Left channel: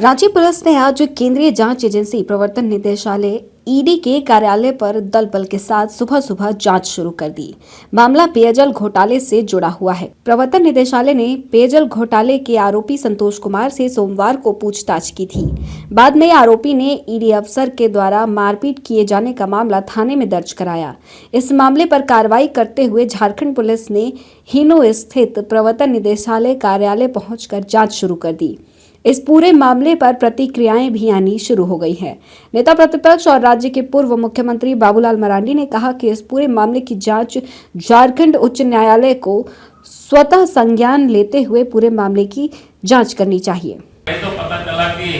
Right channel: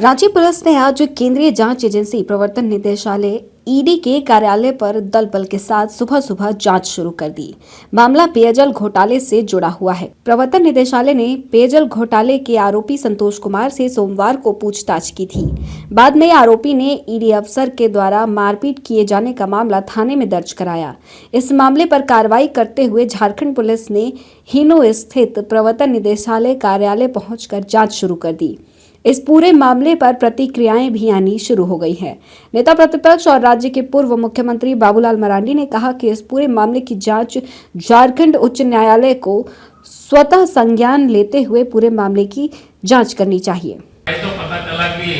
Ranchi police ने आज केंद्रीय जांच एजेंसी प्रवर्तन निदेशालय ईडी के कार्यालय पर दल बल के साथ सुबह सुबह जांच शुरू कर दी। मामला पेयजल घोटाले से जुड़ा हुआ है। प्रवर्तन निदेशालय ने पेयजल घोटाले के आरोपी संतोष कुमार से सोमवार को पूछताछ की थी। बाद में आरोपी ने ईडी अफसर के द्वारा मारपीट किए जाने का मामला थाने में दर्ज कराया। इस मामले पर कार्रवाई करते हुए झारखंड पुलिस ने हिनो स्थित प्रवर्तन निदेशालय कार्यालय पहुंचकर जांच शुरू कर दी। इस पूरे मामले पर प्रतिक्रियाएं भी आनी शुरू हो गई हैं। नेता प्रतिपक्ष और राज्य के पूर्व मुख्यमंत्री बाबूलाल मरांडी ने कहा कि इस पूरे मामले की जांच झारखंड उच्च न्यायालय को स्वतः संज्ञान लेते हुए पूरे मामले की जांच करनी चाहिए। तो पता चला कि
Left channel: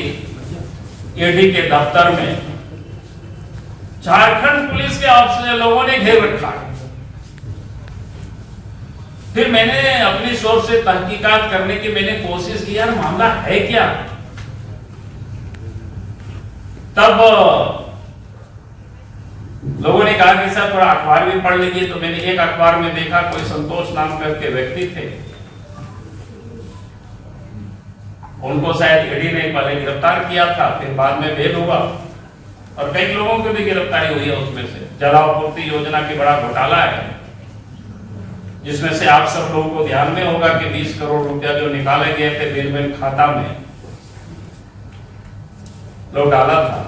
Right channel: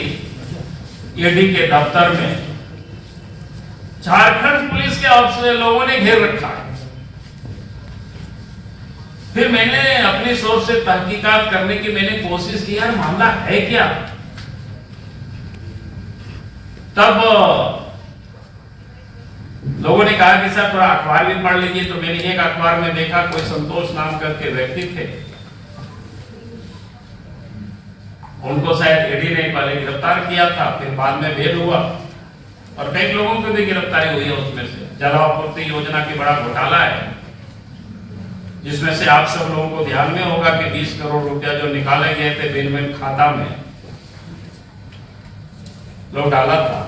ईडी के दफ्तर में झारखंड पुलिस के अफसर लोगों ने घेर रखा है। फिर मैंने अपनी सोच से तहकीकात करने की मैंने कोशिश की, यार मामला है क्या। तब लोगों ने कहा कि सर थोड़ा अखबार भी पढ़ लीजिए। तो मैंने एक अखबार में देखा कोई संतोष नाम करके व्यक्ति थे, उनको शायद ईडी ने पहले गिरफ्तार किया था, फिर बाद में बेल हुआ और कई लोगों की भी गिरफ्तारी हुई है। उसमें से जलापूर्ति योजना की बड़ा घोटाला है, जिसमें से आप सब लोगों को ध्यान में होगा कि 20 करोड़ रुपया जो निकाले गए थे बिल खाता में लोग डाला था,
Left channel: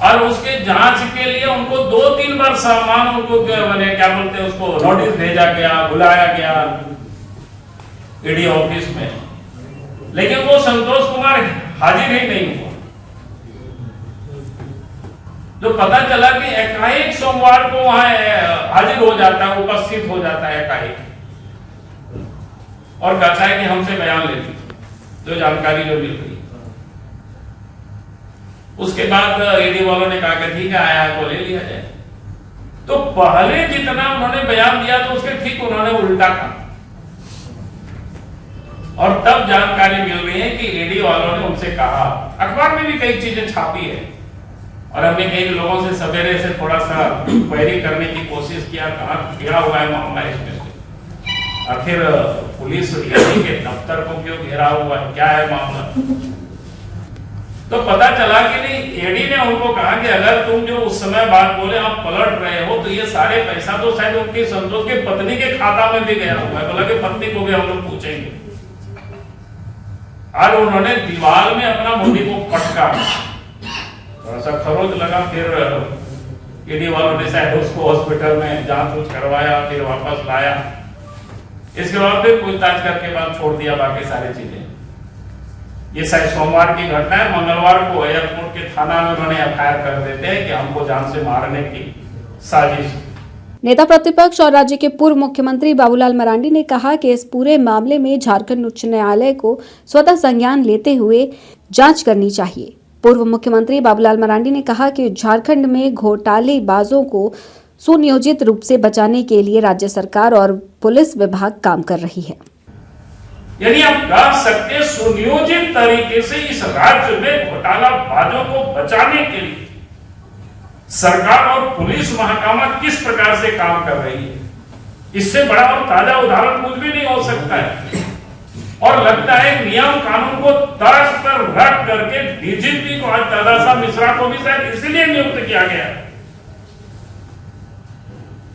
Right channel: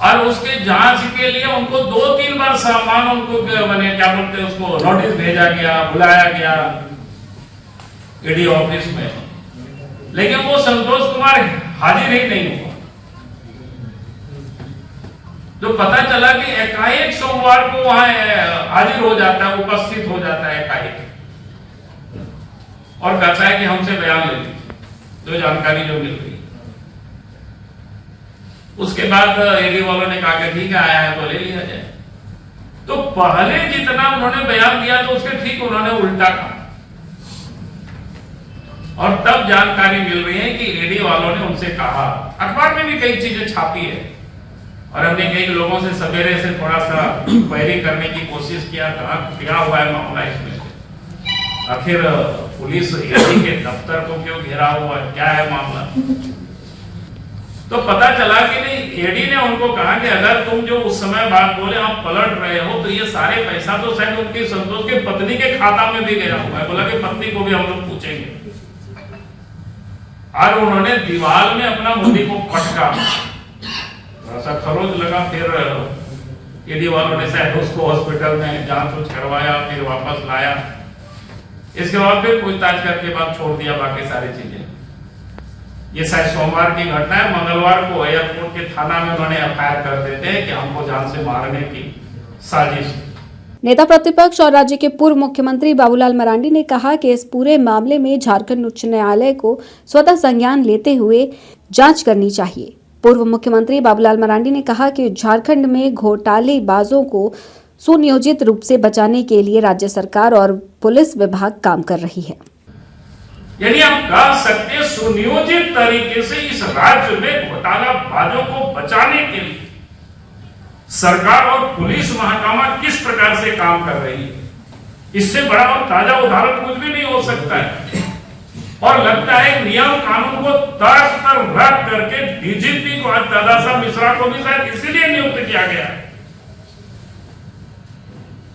और उसके जांच के लिए उनको 2-3 बार सामान उनको मैंने क्या बोलते हैं उसको नोटिस भेजा गया, बुलाया गया ईडी ऑफिस में, लेकिन वो संतोष कुमार हाजिर ही नहीं हुआ। तो पता चला कि एकाएक सोमवार को वहां हाजिर हो जाता है, उपस्थित हो जाता है एकाएक, और कहता है कि हमसे बयान ले लीजिए जो जानकारी जो मिल रही है। उसके बाद ईडी वालों ने कहा कि ठीक है आया है तो ले लिया जाए। तो पहले जितना उन्होंने बयान दिया तो उसके ठीक उन्होंने उल्टा कहा, और तब जानकारी मिल रही है कि ईडी वालों ने उनसे कहा, अखबार में भी कई चीजें छापी है, और हमने कई लोगों से सवेरे से थोड़ा सा क्वेरी करने की कोशिश किया, कहाँ क्या हुआ है मामला इसमें से, आखिर पुलिस ईडी के दफ्तर को क्यों घेरा हुआ है, क्या है मामला। तो पता चला कि नहीं, ईडी ने उनको कहा कि अगर तुम जो उस समय बात बोले आप पलट रहे हो तो ये सारे पैसा तो शायद उनकी संतोष की पत्नी के खाता में भी गया हुआ है। बोला कि पत्नी को भी हम लोग पूछेंगे, और उन्होंने दीवार में अपना मुंडी को पटका, ऐसा खरोच लगा। फिर ईडी वालों ने शायद उसको हॉस्पिटल में जांच करवाया, फिर वापस लाया। इसके बाद फिर पूछताछ करके बाद छोड़ दिया बाकी सारी चीजें। ये शायद सोमवार की घटना है। मंगलवार को एयरपोर्ट के थाना में उन्होंने एफआईआर कर देते हैं कि हमको जान से मारने की साजिश। नेता प्रतिपक्ष और राज्य के पूर्व मुख्यमंत्री बाबूलाल मरांडी ने कहा कि इस पूरे मामले में झारखंड उच्च न्यायालय को स्वतः संज्ञान लेते हुए जांच करनी चाहिए। पूर्व मुख्यमंत्री बाबूलाल मरांडी ने कहा कि झारखंड में घोटालेबाजों को सुनियोजित रूप से बचाने के लिए राज्य सरकार और पुलिस विभाग काम कर रही है। यानी हम कह सकते सुनियोजित तरीके से इस राज्य में घोटालाबाजों को बचाने के लिए सरकार और पुलिस महकमा किस प्रकार से काम कर रही है, इससे बड़ा और ताजा उदाहरण कुछ भी नहीं हो सकता है। और लगता है नियम कानून को तर्ज पर रख करके डीजीपी को आज दादा मिश्रा को भी शायद इसीलिए नियुक्त किया गया।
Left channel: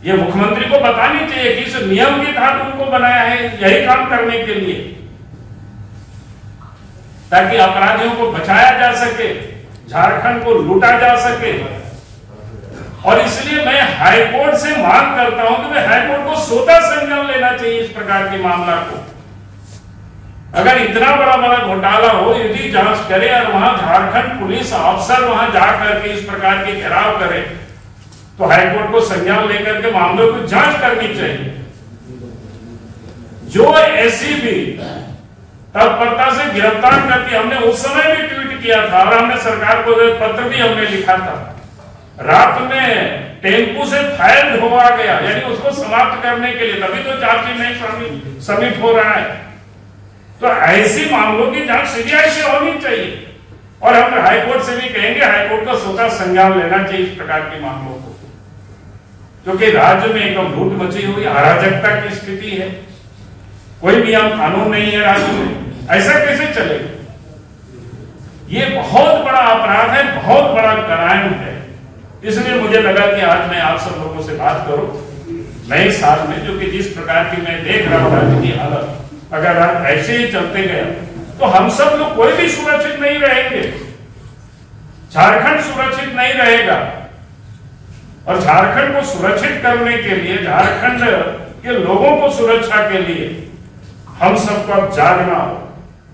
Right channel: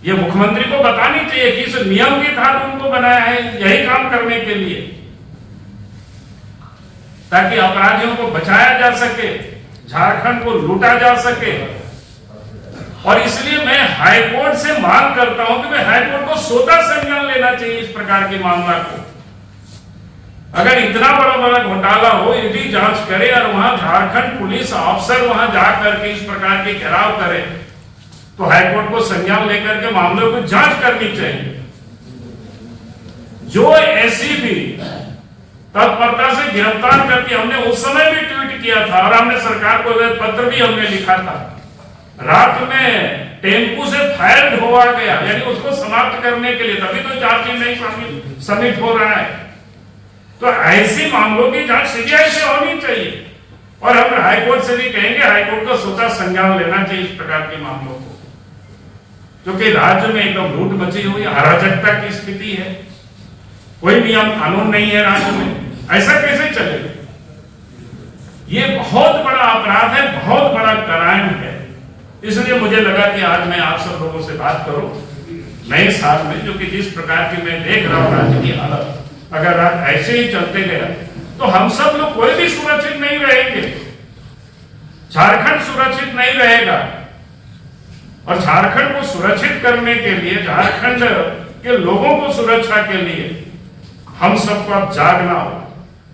ये मुख्यमंत्री को बतानी चाहिए कि इस नियम के तहत उनको बनाया है यही काम करने के लिए, ताकि अपराधियों को बचाया जा सके, झारखंड को लूटा जा सके। और इसलिए मैं हाईकोर्ट से मांग करता हूं कि हाईकोर्ट को स्वतः संज्ञान लेना चाहिए इस प्रकार के मामला को। अगर इतना बड़ा बड़ा घोटाला हो, ईडी जांच करे और वहां झारखंड पुलिस अफसर वहां जाकर के इस प्रकार के घेराव करे, तो हाईकोर्ट को संज्ञान लेकर के मामलों की जांच करनी चाहिए। जो एसीबी तत्परता से गिरफ्तार करके, हमने उस समय भी ट्वीट किया था और हमने सरकार को पत्र भी हमने लिखा था, रात में टेम्पू से फायर हुआ गया, यानी उसको समाप्त करने के लिए, तभी तो चार्जशीट नहीं सबमिट हो रहा है। तो ऐसी मामलों की जांच सीबीआई से होनी चाहिए, और हम हाईकोर्ट से भी कहेंगे हाईकोर्ट को स्वतः संज्ञान लेना चाहिए इस प्रकार के मामलों को, क्योंकि राज्य में एकदम लूट मची हुई अराजकता की स्थिति है, कोई नियम कानून नहीं है राज्य में, ऐसा कैसे चलेगा। ये बहुत बड़ा अपराध है, बहुत बड़ा क्राइम है। इसलिए मुझे लगा कि आज मैं आप सब लोगों से बात करूं नए साल में, जो कि जिस प्रकार की मैं देख रहा हूं राज्य की हालत, अगर आप ऐसे ही चलते गए तो हम सब लोग कोई भी सुरक्षित नहीं रहेंगे, झारखंड सुरक्षित नहीं रहेगा। और झारखंड को सुरक्षित करने के लिए, झारखंड के लोगों को सुरक्षा के लिए हम सबको अब जागना होगा।